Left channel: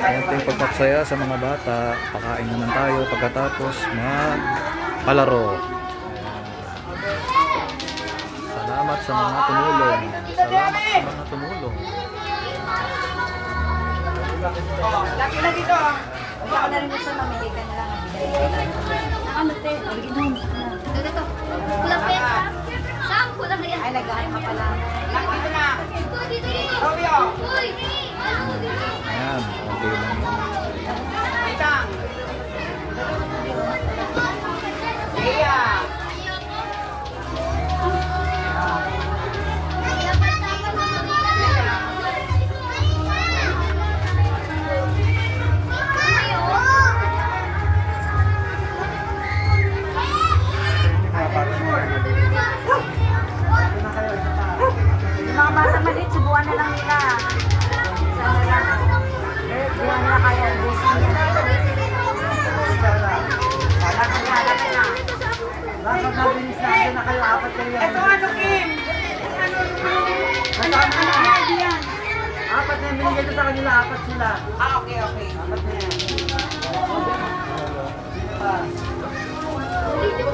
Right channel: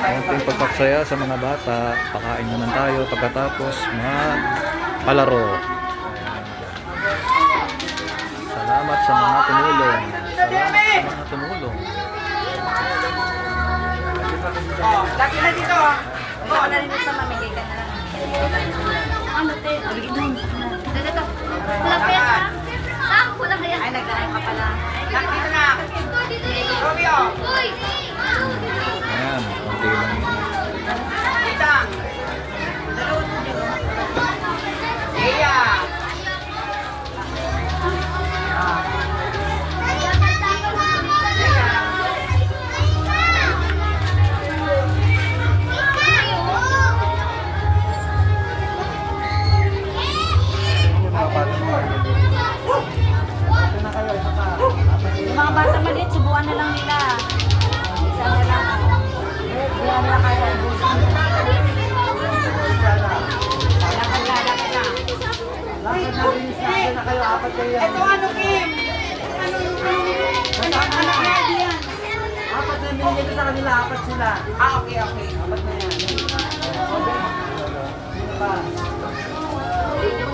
Konting pagpaksaya sa mga bata. Pakain naman tayo pagkatapos magpalaro. Ayan. Salamat sa mga tumulong. Salamat sa mga tumulong. Laki na dito. Punta ka na rin sa mamigay ka na lang. Ano, te? Bigyan mo. Kulang kaya sa? Saan? Kulang kaya? Ay, nag-ano ka pala. Laki dito na. Robio. Uy! Ayan, konti lang yun. Dita. Iya. Yung mga bata maliit, subuan na lang nila. Sana lang. Hindi na nila kaya ubusin yan. Laki na, laki na. Ito ano, Kim? Ano idea? Apat na yung binigay ko sa kanila, apat sila. Ah, okay, okay. Apat na yan. Dito